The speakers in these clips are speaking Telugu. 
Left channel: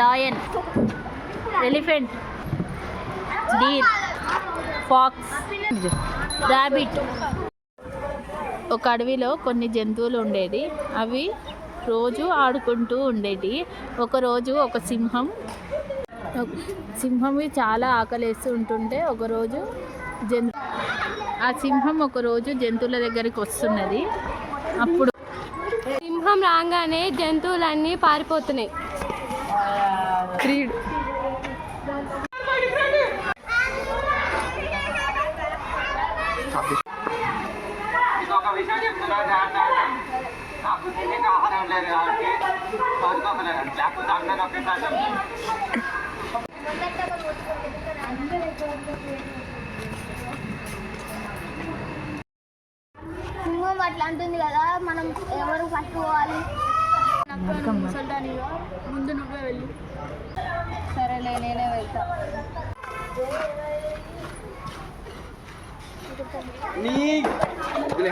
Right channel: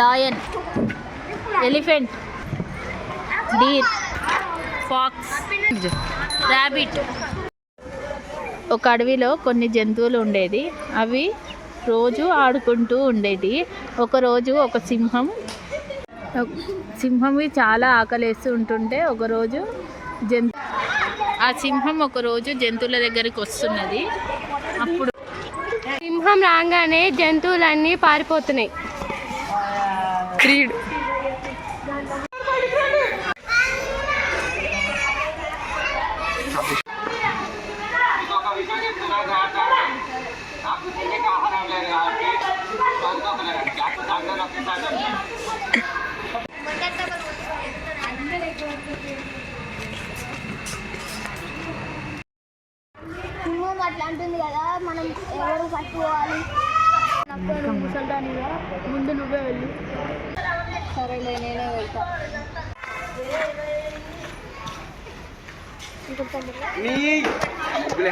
Lion, elephant, deer, fox, rabbit. ఒక అడవిలో కొన్ని జంతువులు ఉండేది. అవి రోజు ఆడుకుంటూ ఉండేది. ఒకరోజు ఒక సింహంవి చాలా ఆకలేస్తూ ఉంటుంటే ఆ సింహం ఒకరోజు జంతువుల దగ్గరికి వస్తున్నది. అప్పుడు సింహం రాగానే జంతువులన్నీ పారిపోతున్నాయి. క్రీడ్ ఆహారం లేదు కాబట్టి సింహం అట్లా అంటుంది కదా, మనం ఎవరు పట్టుకోవాలి? ముసల్దానిగా ముందు నువ్వే వెళ్ళు. సరేలే, నేనే వెళ్తా.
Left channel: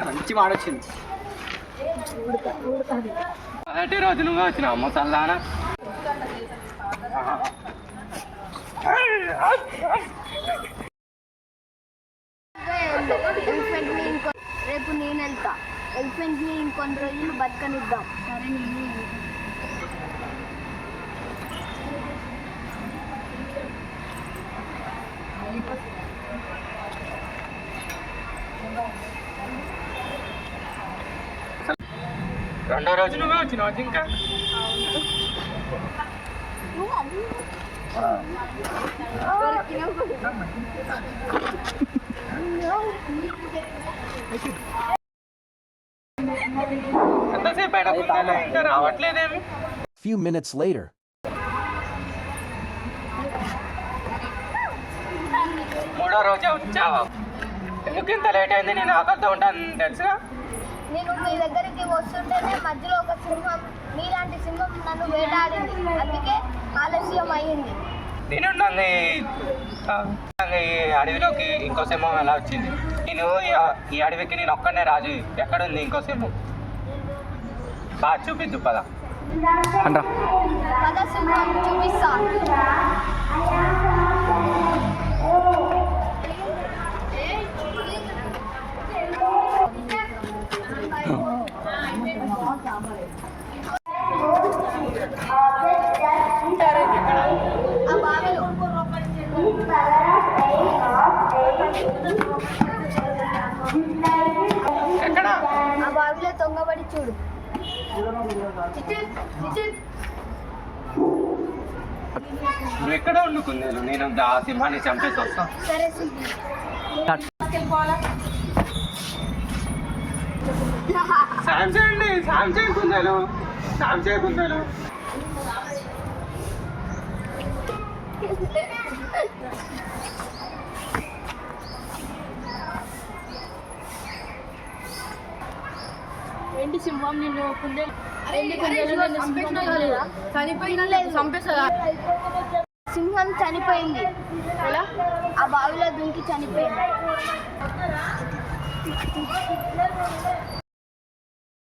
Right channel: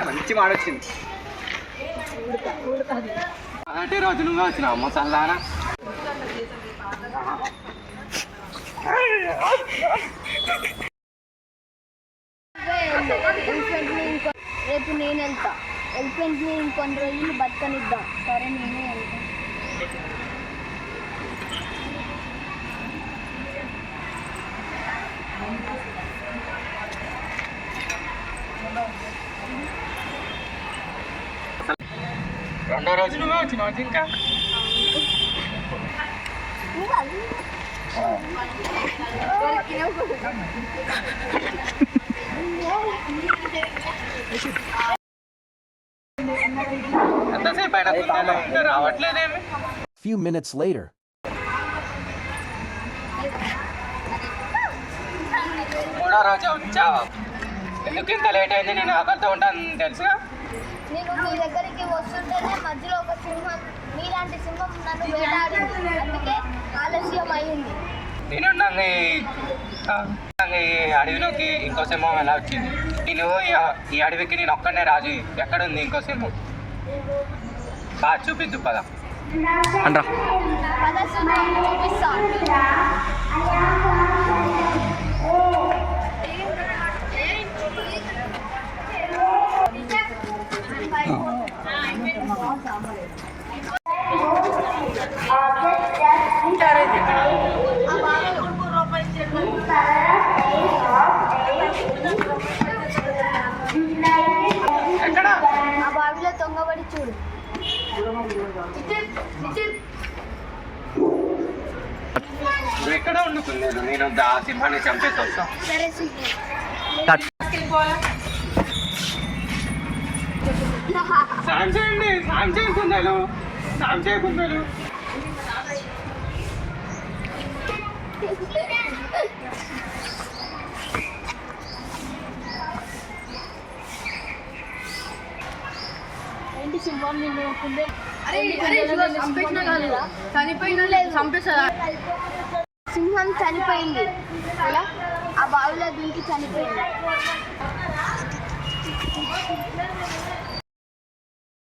మంచి మాట వచ్చింది. మొదటి రోజు నువ్వే వచ్చినావు ముసల్దానా. రేపు నేను వెళ్తా. ఎలిఫెంట్ని ఇంకొన్ని రోజులు బతకనిద్దాం. సరే, నేనే వెళ్తా. రెండో రోజు నువ్వే వచ్చినావు ఇంకా. ఎంతసేపు అయినా ఇంకా రావట్లేదేమి? Few minutes later. మూడో రోజే వచ్చావా? ఎందుకు ఇంత లేట్ అయింది? నేను ఆకలితో ఉంటాను తెలుసుగా. నేను మీ దగ్గరికి వస్తుంటేనే మధ్యలో ఒక సింహం, మీలాంటి సింహం నన్ను వేటాడింది. అందుకే ఆలస్యం అయ్యింది. నేను ఈ అడవిలోకి ఇంకో సింహం ఎలా వచ్చింది? ఈ అడవికి నేను ఒక్కడనే రాజు. ఎక్కడుంది ఇంకో సింహం? బాగా చూపిద్దు పద అండ్రా. పద సింహం చూపిస్తా. ఆ బావిలో తొంగబడి చూడు. నువ్వు ఎక్కడ వండుకున్నాను? నేను ఆ సింహాన్ని చంపేసి వస్తా. సరే, సాయం చేయండి. సాయం చేయకుందాలు. సాయం చేయకుందాలు. ఏంటి సింహం నిన్ను సింహం చనిపోయింది. ఎలా? ఆ బావిలో దింకి చనిపోయింది.